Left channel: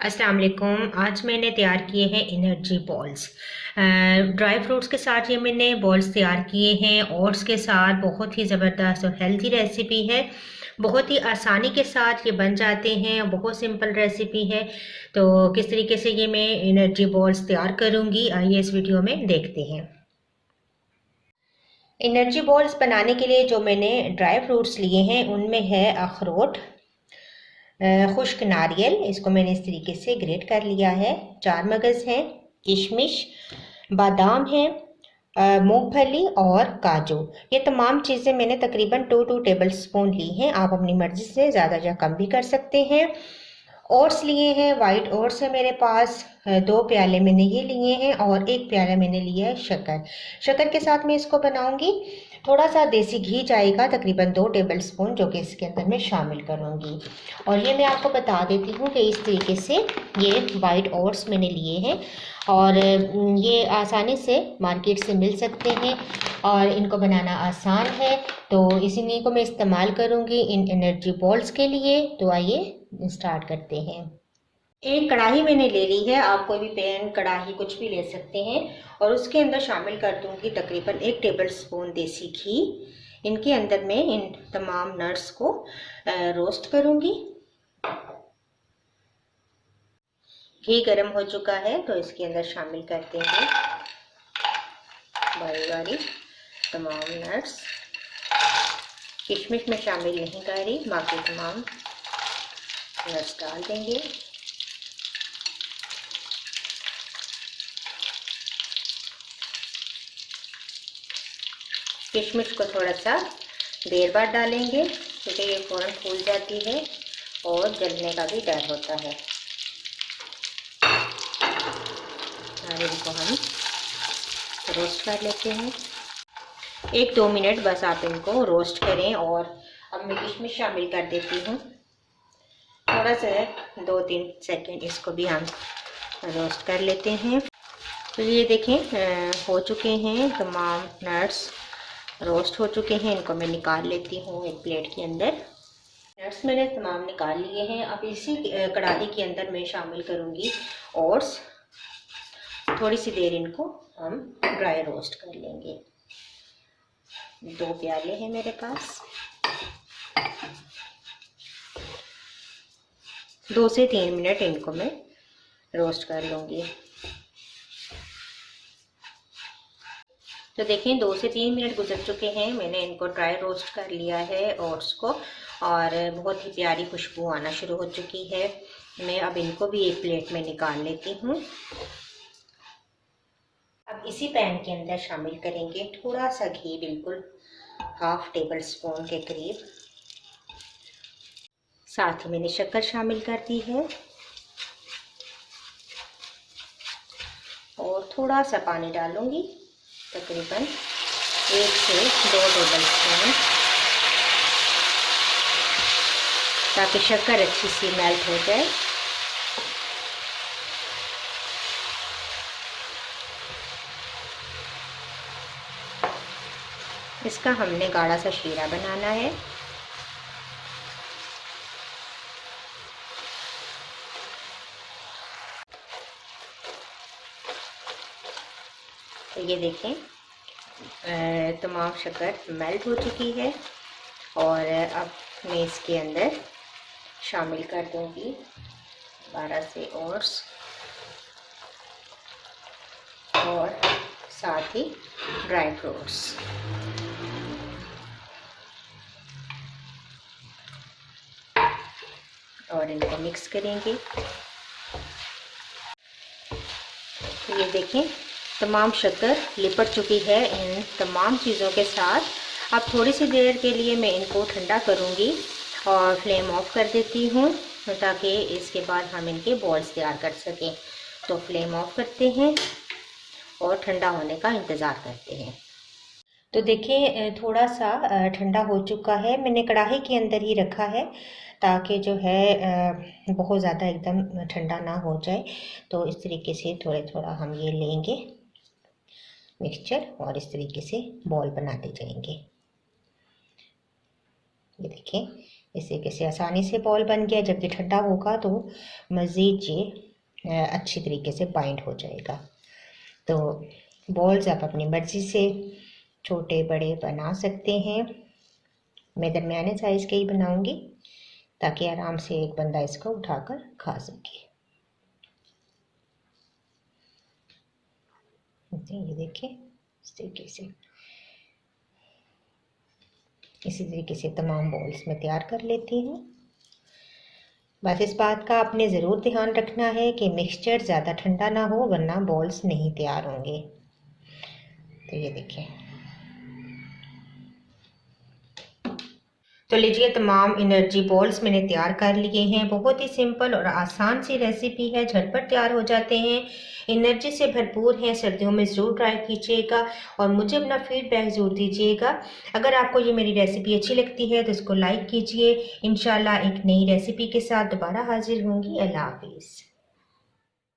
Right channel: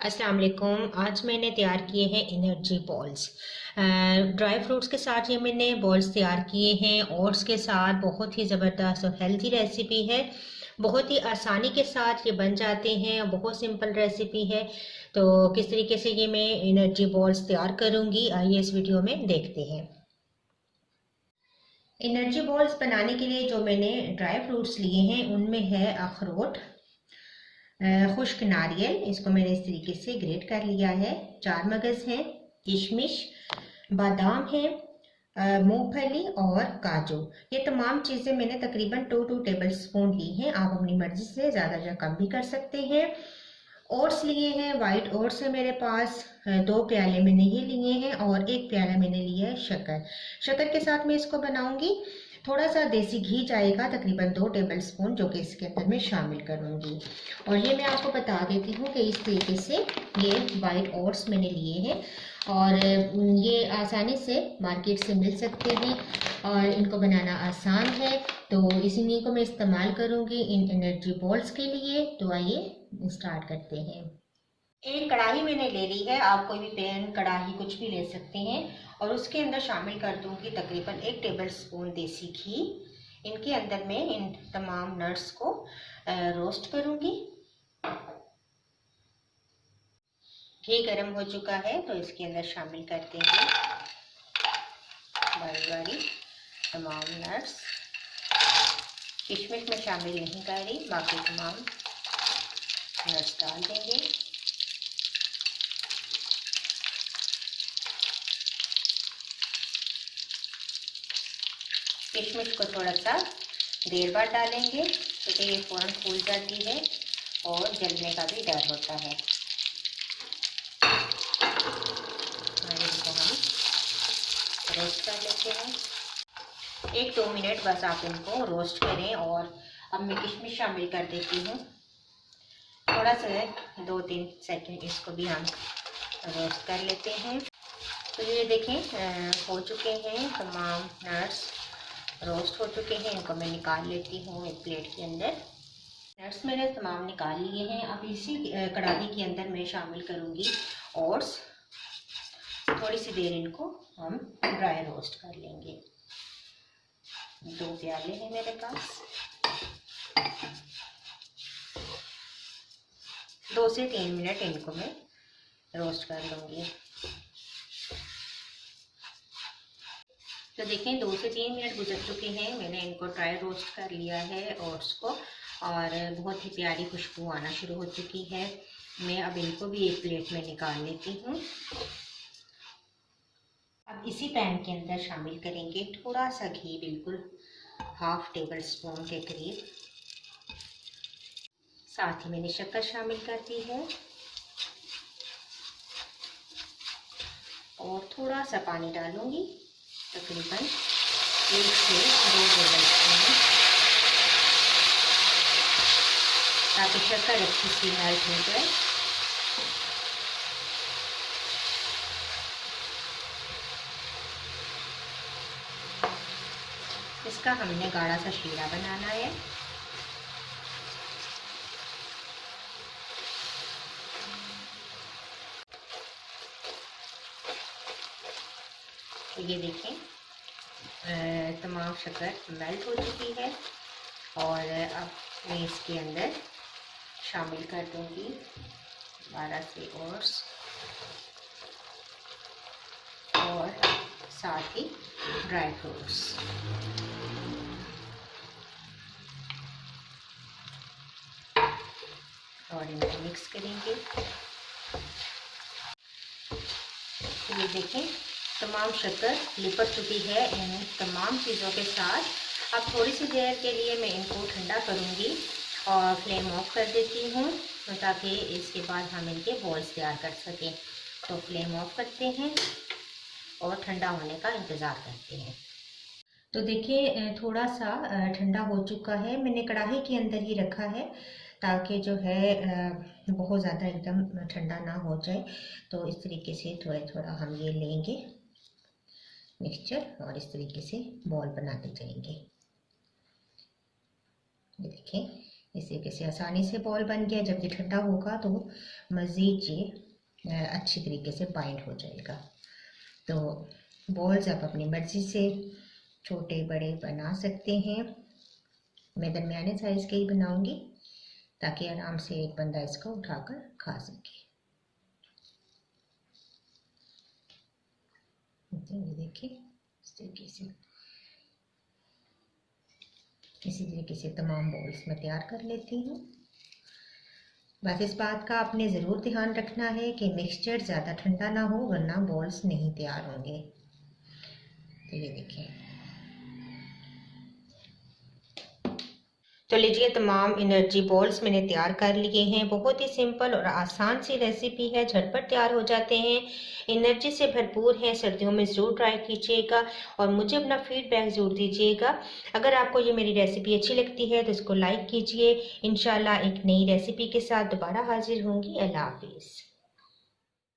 अस्सलाम वालेकुम। आज मैंने तैयार किए हैं एनर्जी बॉल्स। ड्राई फ्रूट्स के साथ ये मैंने बॉल्स तैयार किए हैं। ओट्स के साथ बहुत ही ज़बरदस्त और हेल्दी रेसिपी है। बहुत ही आसानी के साथ ये बन जाते हैं। बहुत सिंपल रेसिपी है। तो किस तरीके से ये मैं एनर्जी बॉल्स तैयार करूँगी, आइए इस वीडियो में देखते हैं। एनर्जी बॉल्स बनाने के लिए जो मैंने ड्राई फ्रूट्स लिए हैं उनमें है अखरोट, खुश्क नारियल, इसको मैंने इस तरीके से ग्रेट कर लिया है। 4 मगज़ हैं, किशमिश, बादाम है, मूंगफली और काजू। ये तमाम चीज़ें मैंने तकरीबन 2 टेबल स्पून ली हैं। आप अपनी मर्ज़ी से ज़्यादा या कम भी कर सकते हैं। ओट्स लिए हैं, वाइट ओट्स है मेरे पास। 2 प्याले मैंने ये लिए हैं और 1 प्याला मैंने लिया है शक्कर। शक्कर के साथ मैं इसको बनाऊंगी। थोड़ा सा देसी घी जाएगा, तकरीबन 2 टेबल स्पून, जो कि इसके अंदर मैं शामिल करूंगी। और ये मैं आपको बता देती हूँ कि इस तरीके से ये वाइट ओट्स मैंने लिए हैं और ये आसानी से मार्केट से मिल सकते हैं और इनको बनाना आसान है। तो इसी को मैं इस्तेमाल करूँगी इन एनर्जी बॉल्स के लिए। तो आइए स्टार्ट करते हैं। एक कढ़ाई मैंने ले ली है, आप कोई भी पैन कढ़ाई कुछ भी ले सकते हैं। और उसके अंदर शामिल कर दूंगी तकरीबन 1 टेबल स्पून देसी घी। इनके अंदर मैं इन तमाम नट्स को रोस्ट करूंगी। घी गर्म हो चुका है तो इसके अंदर शामिल करते हैं बारी बारी तमाम नट्स। किशमिश में शामिल नहीं कर रही, बाकी तमाम नट्स डाल देंगे। किशमिश को थोड़ा सा देर बाद डालेंगे क्योंकि ये फ़ौरन फूल जाती है और जलने का भी डर होता है। और इनको हम रोस्ट कर लेते हैं। 1-2 मिनट बस आप इनको रोस्ट करें। और अब मैं किशमिश शामिल कर देती हूँ। थोड़ा सा 2-3 सेकेंड इसको भी हम रोस्ट कर लेते हैं। तो ये देखें हो चुके हैं, तमाम नट्स रोस्ट हो चुके हैं। इनको मैं निकाल लेती हूँ एक प्लेट के अंदर। नट्स मैंने तमाम निकाल लिए हैं। अब इसी कढ़ाई के अंदर मैं शामिल करूँगी ओट्स। थोड़ी सी देर इनको हम ड्राई रोस्ट कर लेंगे। 2 प्याले हैं मेरे पास। 2 से 3 मिनट इनको मैं रोस्ट कर लूँगी। तो देखें 2 से 3 मिनट गुजर चुके हैं। मैंने इनको ड्राई रोस्ट कर लिया है ओट्स को और बहुत ही प्यारी खुशबू आना शुरू हो चुकी है। मैं अब इनको भी एक प्लेट में निकाल लेती हूँ। अब इसी पैन के अंदर शामिल करेंगे थोड़ा सा घी, बिल्कुल 1/2 टेबल स्पून के करीब। साथ ही मैंने शक्कर शामिल कर दी है और थोड़ा सा पानी डालूंगी, तकरीबन 1 से 2 टेबल स्पून, ताकि शक्कर अच्छी सी मेल्ट हो जाए। इसका हमने गाढ़ा सा शीरा बनाना है। तो ये देखें तमाम शक्कर मेल्ट हो चुकी है और अब मैं इसके अंदर शामिल कर दूंगी 12 से ओट्स और साथ ही ड्राई फ्रूट्स। और इनको मिक्स करेंगे। तो ये देखें तमाम शक्कर लिपट चुकी है इन तमाम चीज़ों के साथ। अब थोड़ी सी देर के लिए मैं इनको ठंडा करूँगी और फ्लेम ऑफ कर देती हूँ ताकि इसके बाद हम इनके बॉल्स तैयार कर सकें। तो फ्लेम ऑफ करते हैं और ठंडा होने का इंतज़ार करते हैं। तो देखिए थोड़ा सा ठंडा हो चुका है। मैंने कढ़ाई के अंदर ही रखा है ताकि जो है बहुत ज़्यादा एकदम ठंडा ना हो जाए। तो इस तरीके से थोड़ा थोड़ा हम ये लेंगे मिक्सचर और इस तरीके से बॉल बनाते जाएंगे। ये देखें इस तरीके से आसानी से बॉल बन गया। जब ये ठंडा होगा तो मज़ीद ये अच्छी तरीके से बाइंड हो जाएगा। तो बॉल्स आप अपनी मर्ज़ी से छोटे बड़े बना सकते हैं। मैं दरमियाने साइज़ के ही बनाऊंगी ताकि आराम से एक बंदा इसको उठाकर खा सके। ये देखिए इस तरीके से, इसी तरीके से तमाम बॉल्स मैं तैयार कर लेती हूँ। बस इस बात का आपने ज़रूर ध्यान रखना है कि मिक्सचर ज़्यादा ठंडा ना हो, वरना बॉल्स नहीं तैयार होंगे। तो ये देखिए, तो लीजिए तमाम एनर्जी बॉल्स मैंने तैयार कर लिए हैं। बहुत ही सिंपल और आसान सी रेसिपी है, झटपट तैयार हो जाते हैं, एनर्जी से भरपूर हैं। सर्दियों में ज़रूर ट्राई कीजिएगा और मुझे अपना फीडबैक ज़रूर दीजिएगा। अगर आपको ये मेरी रेसिपी अच्छी लगती है तो इसको लाइक कीजिए। इंशाल्लाह एक नई रेसिपी के साथ दोबारा हाजिर होंगी। अल्लाह हाफिज़।